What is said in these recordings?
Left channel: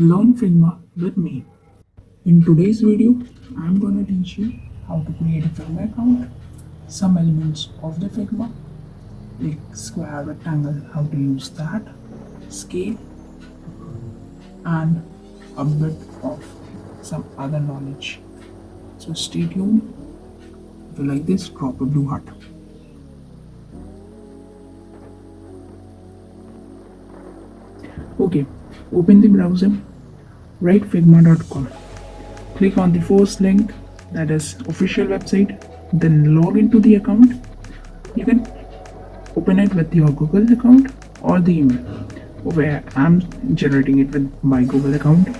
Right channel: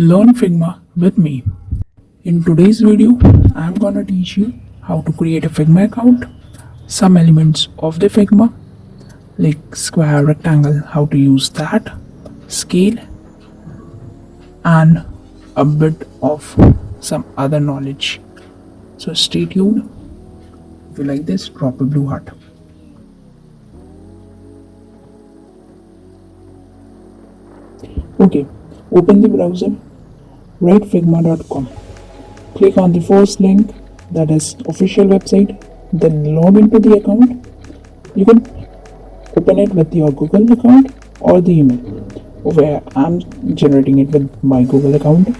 Learn Figma with me. In today's video, I'm gonna teach you how to create a Figma account, some elements of the Figma like square, rectangle, how to use that, scale, and a bit of some other knowledge. So stay tuned. If you like this, drop a blue heart. Okay, open the browser, write figma.com. Click on the first link, that is official website, then log into the account. You can open it with your Google account or the email. Where I'm generating it with my Google account.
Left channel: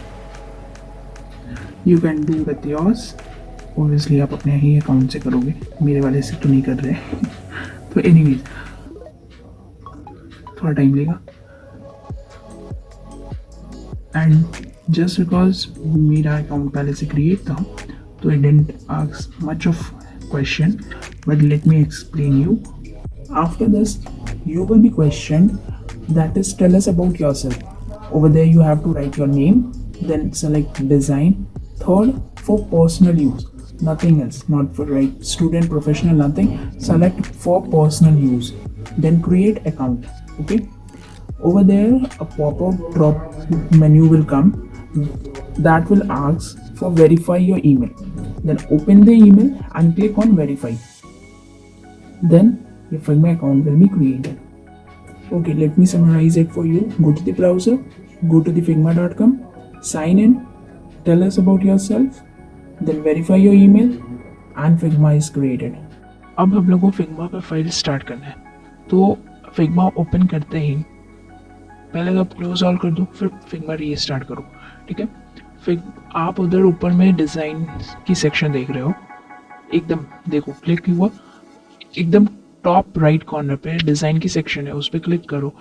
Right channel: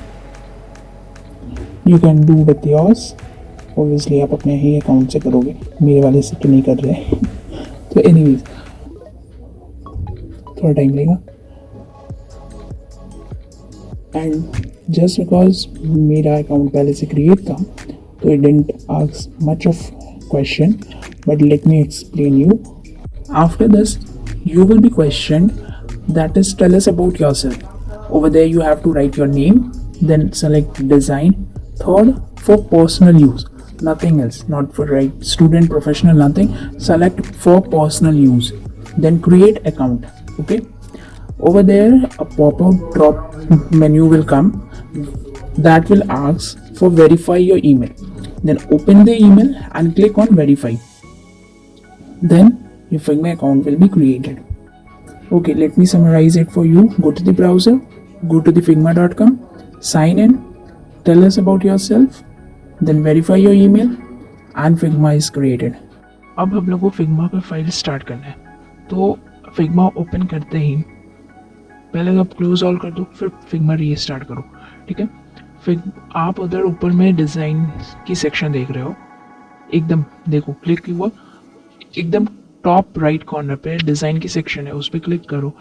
You can do with yours. Obviously आप अपने ही account से करोगे, मेरे वाले से तो नहीं कर रहे तो एनीवेज थोड़ा टाइम लेगा. एंड जस्ट बिकॉज मेरा अकाउंट पहले से क्रिएट था तो it didn't ask much of question, but let me explain you. After this you will be questioned, that is, tell us about yourself. Over there you have to write your name, then select design. Third, for personal use, nothing else, not for right student, professional, nothing. Select for personal use, then create account. Okay, over there a pop-up drop menu will come that will ask for verify your email. Then open the email and click on verify. Then your Figma account will be created. Okay, let me summarize it for you. Go to the browser, go to the figma.com, sign in, tell us about yourself, then verify your email and Figma is created. अब हम लोग को Figma पे file start करना है. तो Figma open करते ही पहले आप क्लोज ऑल कर दो, फिर Figma रीस्टार्ट करो. ठीक है, फिर आप उधर ऊपर में डिज़ाइन की सेक्शन देख रहे हो, एकदम देखो क्लिक हुआ, एकदम टॉप राइट कॉर्नर पे डिज़ाइन की सेक्शन है, उस पर क्लिक करो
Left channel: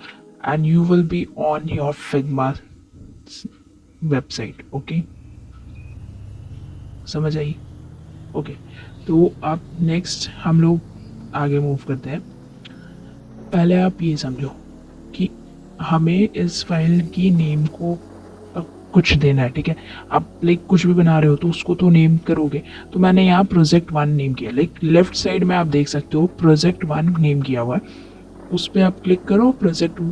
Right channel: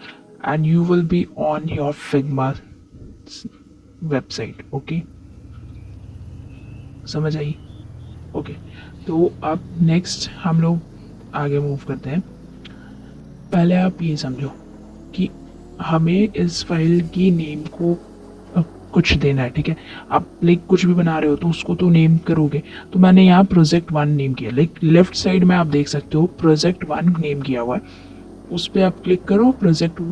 and you will be on your Figma website. Okay, समझ आई? ओके, तो आप नेक्स्ट हम लोग आगे मूव करते हैं. पहले आप ये समझो कि हमें इस फाइल की नेम को कुछ देना है. ठीक है, आप लाइक कुछ भी बना रहे हो तो उसको तो नेम करोगे. तो मैंने यहाँ प्रोजेक्ट 1 नेम किया. लाइक लेफ्ट साइड में आप देख सकते हो प्रोजेक्ट 1 नेम किया हुआ है, उस पर आप क्लिक करो. प्रोजेक्ट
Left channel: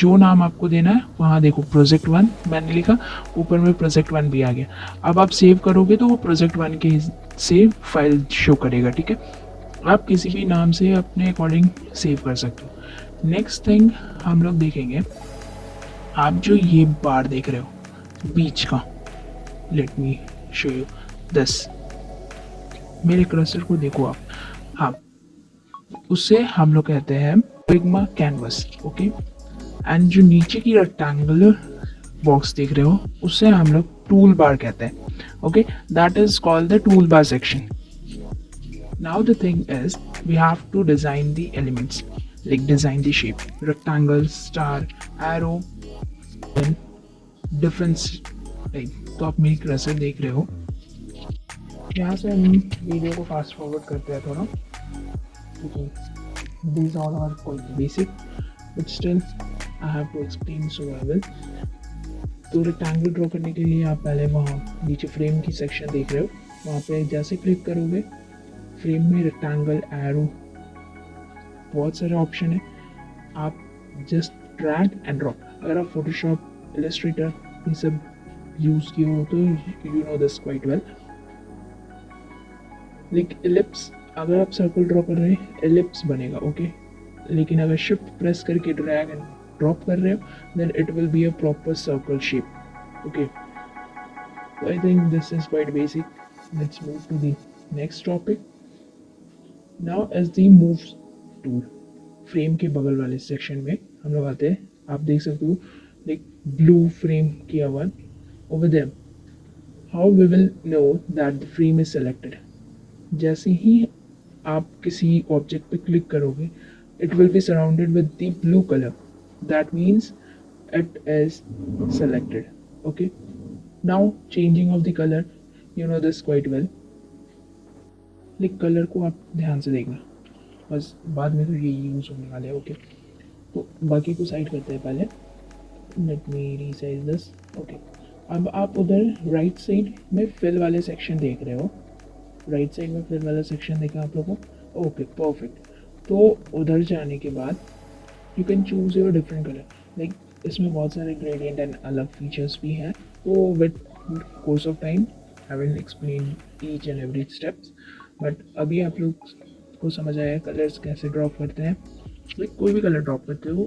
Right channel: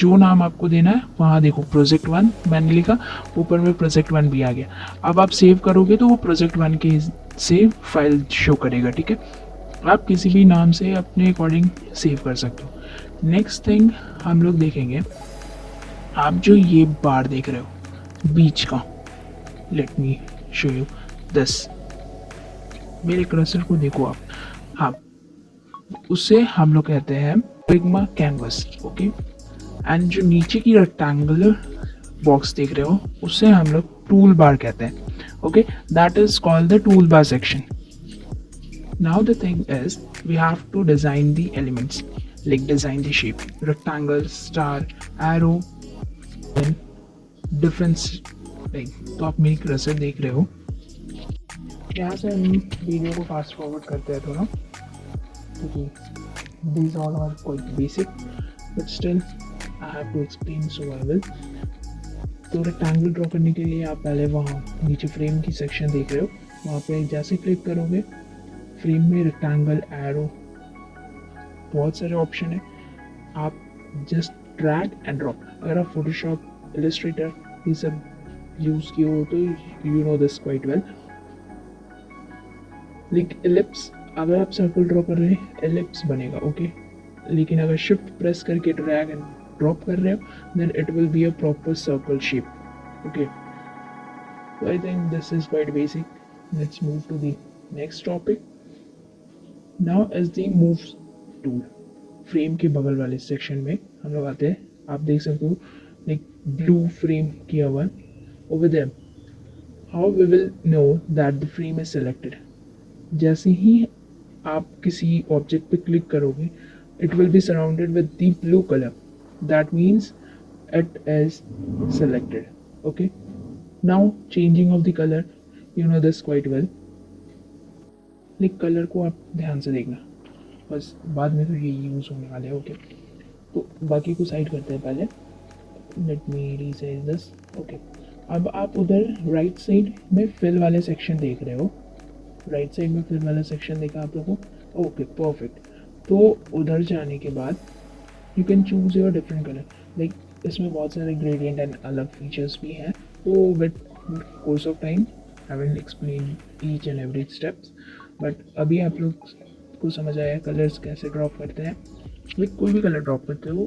जो नाम आपको देना है वहाँ देखो प्रोजेक्ट 1 मैंने लिखा, ऊपर में प्रोजेक्ट 1 भी आ गया. अब आप सेव करोगे तो वो प्रोजेक्ट 1 के से फाइल शो करेगा. ठीक है, आप किसी भी नाम से अपने अकॉर्डिंग सेव कर सकते हो. नेक्स्ट थिंग हम लोग देखेंगे, आप जो ये बार देख रहे हो बीच का, let me show you this. मेरे कर्सर को देखो आप. हाँ, उसे हम लोग कहते हैं फिग्मा कैनवस. ओके, एंड जो नीचे की रेक्टेंगुलर बॉक्स देख रहे हो उसे हम लोग टूल बार कहते हैं. Okay, that is called the tool bar section. Now the thing is we have to design the elements, like design the shape, rectangle, star, arrow, then difference. तो आप मेरी कर्सर देख रहे हो, यहाँ से हम वीडियो को फास्ट फॉरवर्ड करते हैं थोड़ा. These all are quite basic, but still I have to explain, so I will. तो रेक्टेंगल ड्रॉ करने के लिए आप पहले वहाँ नीचे फ्रेम की सेक्शन देख रहे हो, वहाँ पे जैसे क्लिक करोगे फ्रेम में रेक्टेंगल, एरो, बहुत सारे ऑप्शन है. आप जस्ट ड्रैग एंड ड्रॉप. अगर आप फोटोशॉप, इलस्ट्रेटर ये सब यूज किए हो तो you know this quite well. Like ellipse, अगर आप सर्कल ड्रॉ कर रहे हैं एलिप्स बनेगा. ओके, लेकिन अगर शिफ्ट प्रेस करके ड्रैग एंड ड्रॉप कर रहे हो then it will be a proper circle shape. Okay, so I think this is quite basic. Let's move to the next topic. Now as the move tool, frame के बगल वाले section में हम लोग आते हैं. आप देख सकते हो लाइक ब्लू फ्रेम किया हुआ. Over there, how we will know that the frame is selected? जैसे ही आप किसी ऑब्जेक्ट पे क्लिक करोगे it will be surrounded with the blue color. That means it is selected. Okay, now changing of the color, you know this quite well. Like colour को आप ध्यान से देखना, बस बाद में तो ये यूज़ होने वाले हैं. ओके, तो बाकी को साइड करते हैं पहले. Let me resize this. Okay, अब आप उधर राइट साइड में फिल वाले सेक्शन देख रहे हो, राइट साइड में फिल वाला सेक्शन देखा आप लोगों को? Okay perfect. तो उधर जाने के बाद you can choose your different colour, like इसमें बहुत सारे ग्रेडियंट एंड अलग फीचर्स भी हैं, तो with course of time I will explain each and every steps. But अभी आप लोग को समझ आया कलर्स कैसे ड्रॉप करते हैं। लाइक कोई भी कलर ड्रॉप करते हो,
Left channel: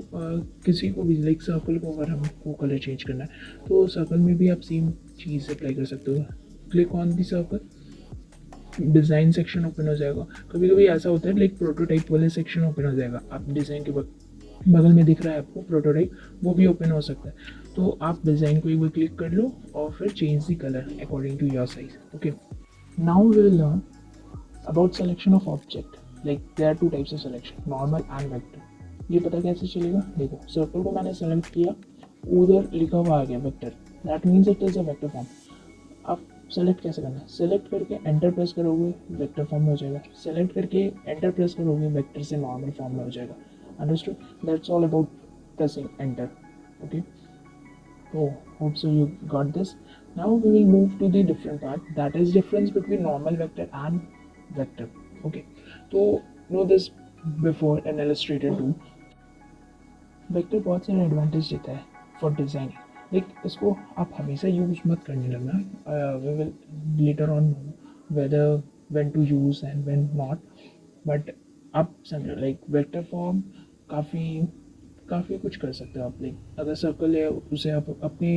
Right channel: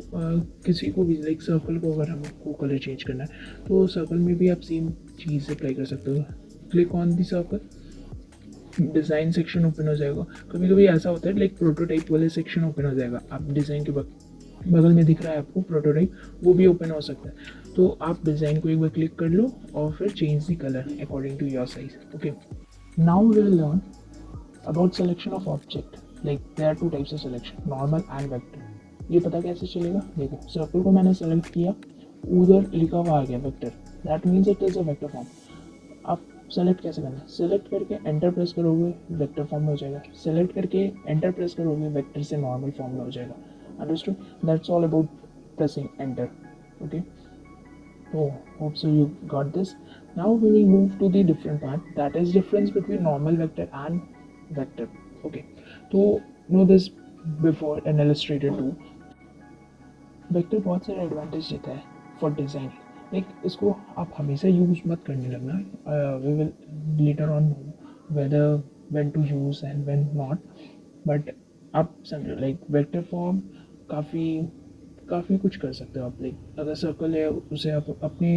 किसी को भी, लाइक सर्कल को अगर हमको कलर चेंज करना है तो सर्कल में भी आप सेम चीज़ अप्लाई कर सकते हो। Click on the circle, design section open हो जाएगा। कभी कभी ऐसा होता है लाइक प्रोटोटाइप वाले सेक्शन ओपन हो जाएगा, आप डिज़ाइन के बगल में दिख रहा है आपको प्रोटोटाइप, वो भी ओपन हो सकता है। तो आप डिज़ाइन को एक बार क्लिक कर लो और फिर change the colour according to your size. Okay, now will learn about selection of object. Like there are two types of selection, normal and vector. ये पता कैसे चलेगा? देखो सर्कल को मैंने सेलेक्ट किया, उधर लिखा हुआ आ गया vector, that means it is a vector form. आप सेलेक्ट कैसे करना है? सेलेक्ट करके एंटर प्रेस करोगे वेक्टर फॉर्म में हो जाएगा, सेलेक्ट करके एंटर प्रेस करोगे वेक्टर से नॉर्मल फॉर्म में हो जाएगा। Understood? That's all about pressing enter. Okay, so hope so you got this. Now we will move to the different part, that is difference between normal vector and vector. Okay, so know this before an illustrator too. Vector बहुत सारे advantage देता है for design. Like इसको आप हमेशा use मत करने लगना, we will later on know whether when to use and when not, but आप समझो लाइक वेक्टर फॉर्म काफ़ी कुछ कर सकते हो आप। लाइक अगर सर्कल है उसे आप अपने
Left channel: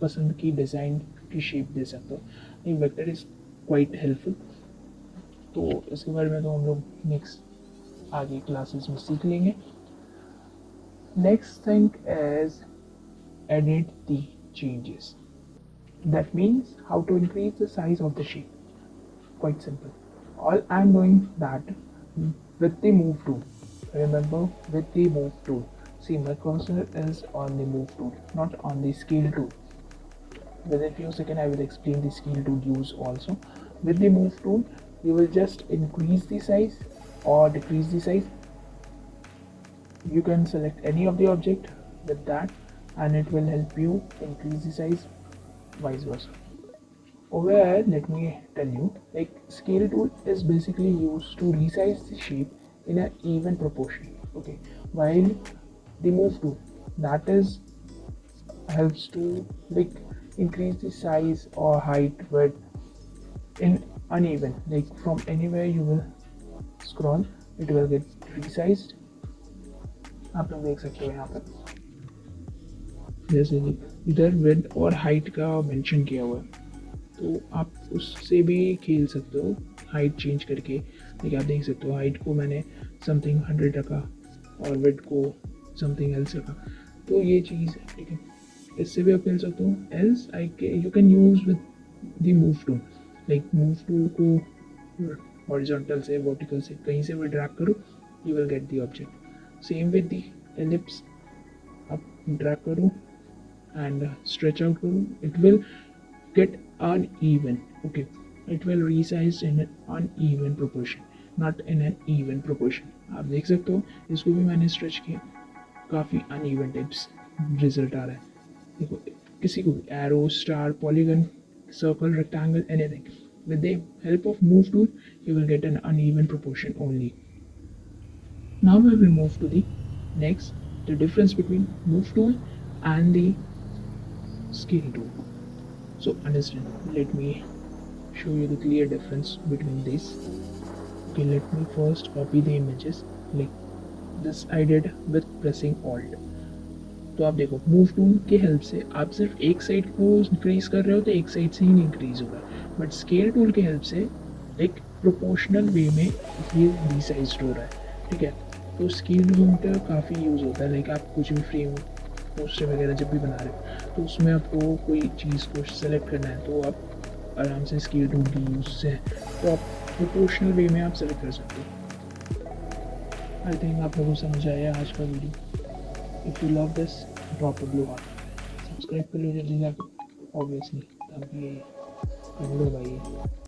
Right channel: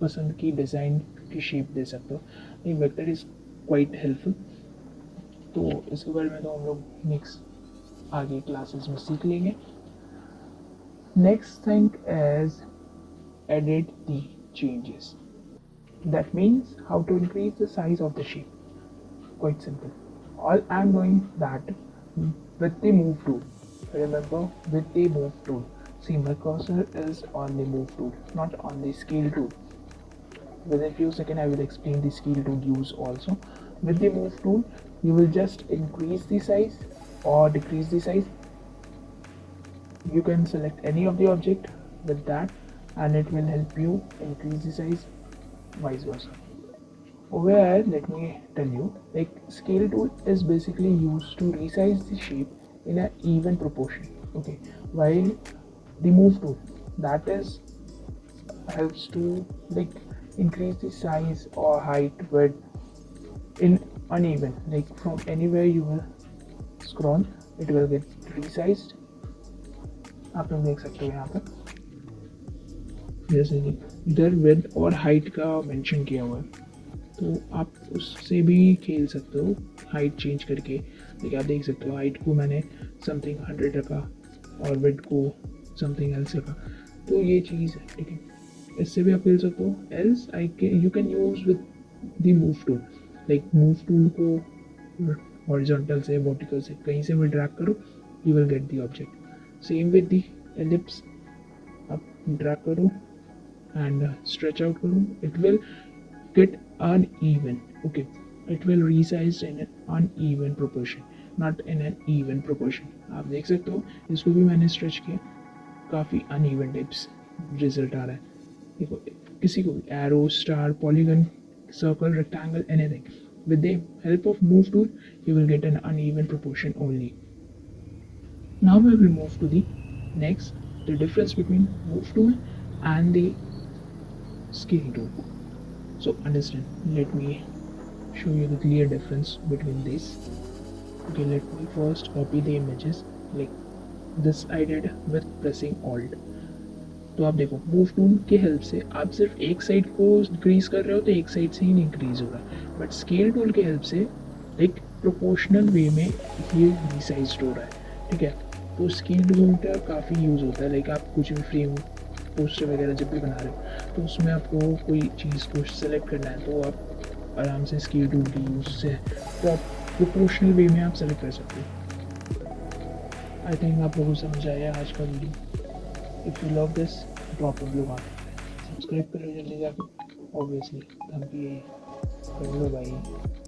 पसंद की डिज़ाइन की शेप दे सकते हो। ये वेक्टर इज़ क्वाइट हेल्पफुल। तो इसके बारे में तो हम लोग नेक्स्ट आगे क्लासेस में सीख लेंगे। Next thing is edit the changes. That means how to increase the size of the shape. Quite simple. All I am doing that with the move tool. Remember, with the move tool. See, my cursor is on the move tool, not on the scale tool. Within a few seconds, I will explain the scale tool use also. With the move tool, you will just increase the size or decrease the size. You can select any of the object with that and it will help you increase the size, vice versa. Over here, let me tell you, like scale tool is basically used to resize the shape in an even proportion. Okay, while the move tool, that is helps to like increase the size or height width in uneven, like from anywhere you will scroll it will get resized। आप लोग देख सकते हो यहाँ पर जैसे कि इधर विड्थ और हाइट का मेंशन किया हुआ है, तो आप उससे भी खेल सकते हो हाइट चेंज करके। लेकिन आप देख सकते हो हाइट को मैंने समथिंग 100 रखा और विड्थ को समथिंग एल्स रखा, तो ये चीज़ है। ठीक है, इससे भी आप खेल सकते हो। Else you can use with the move tool. Like move tool को हॉरिजॉन्टल से वर्टिकल से कहीं से भी ड्रैग करो, you will get the object. Same with the ellipse, आप ड्रैग करो एंड स्ट्रेच आउट करो, it will get uneven. Okay, it will resize in an uneven proportion, not in an even proportion. आप देख सकते हो इसको भी मैंने स्ट्रेच किया, काफ़ी अनइवन टाइप्स रिजल्ट आ रहा है। देखो किसी को भी arrow, star, polygon, circle, rectangle, anything, with the help of move tool you will get an uneven proportion only. Now we will move to the next, the difference between move tool and the scale tool. So understand, let me show you the clear difference between these. Okay, let me first copy the images like this I did with pressing alt। तो आप देखो move tool के help से आप सिर्फ एक side को increase कर रहे हो तो एक साइड से ही इंक्रीज होगा, बट स्केल टूल के हेल्प से एक प्रोपोर्शनल वे में ये रिसाइज्ड हो रहा है। ठीक है, तो स्केल टूल का काफ़ी यूज़ होता है। लाइक आप कुछ भी फ्रेम, पोस्टर वगैरह जब भी बना रहे हो तो उसमें आपको कोई चीज़ को सेलेक्ट करना है तो आप आराम से स्केल टूल के यूज़ से तो आप प्रोपोर्शनल वे में आप सेलेक्ट कर सकते हो। आई थिंक आप लोगों को समझ आया आज का video. If you love this, drop a blue heart. Subscribe कर लो जल्दी जाकर, obviously। अभी, bye bye।